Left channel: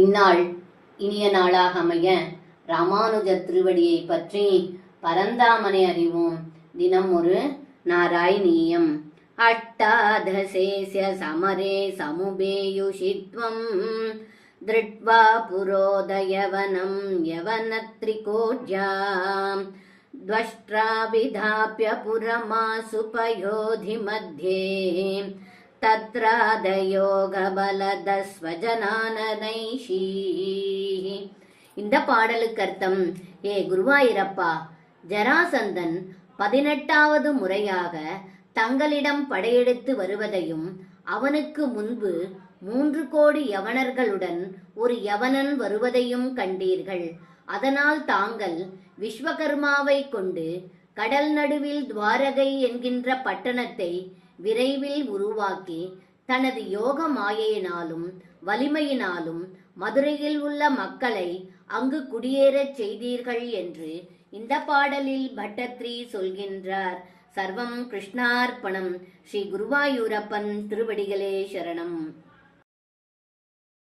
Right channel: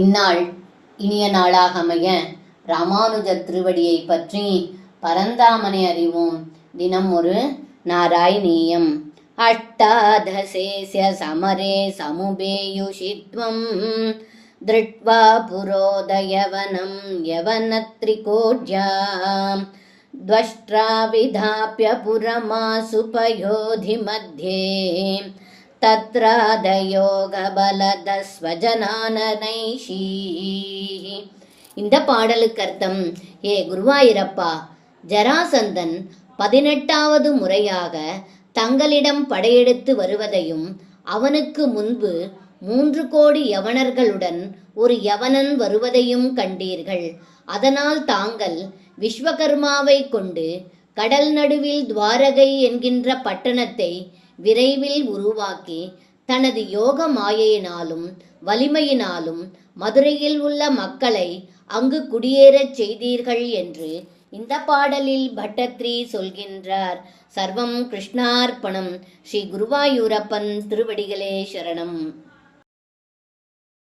இந்நாள் இனிய நாளாக அமைய ராமானுஜர் திருவடியை பற்றி பரந்தாமனை அறிவோம். தினம் ஒரு நாராயணீயம். அஷ்டாதசேஸ்ய சமரே சமுபேயுஷித்வம் திருட்வா புரோதயவனம் யவனத்ரிகோட்யாம் த்வஷ்ட்ரா விதாப்ய புரமாசுபயோதி மத்யே தத்ராதயோகபலதஸ்வஜனானனைஷீ. இந்த பாடலுக்கு அர்த்தம்: ஏ குருவாயிரப்பா, ஜராசந்தன் 18வது முறையாக தங்களிடம் படையெடுத்து வருவதையும் அவனுக்கு முன்பு 3 கோடி யவனர்களுடன் ஒரு யவனன் வருவதையும் கண்டீர்கள். அதனால் தாங்கள் விஸ்வகர்மாவை கொண்டு கடல் நடுவில் துவாரகை என்கின்ற பட்டணத்தை விரைவில் உருவாக்கி தனது யோக மாயையினாலும் வலிமையினாலும் மதுரையில் உள்ள மக்களை அங்கு குடியேறச் செய்தீர்கள் என்று இந்த பாடலில் பட்டத்ரி சொல்கின்றார். சர்வம் கிருஷ்ணார்ப்பணம். ஸ்ரீ குருவாயூரப்பன் திருவடிகளே சரணம்.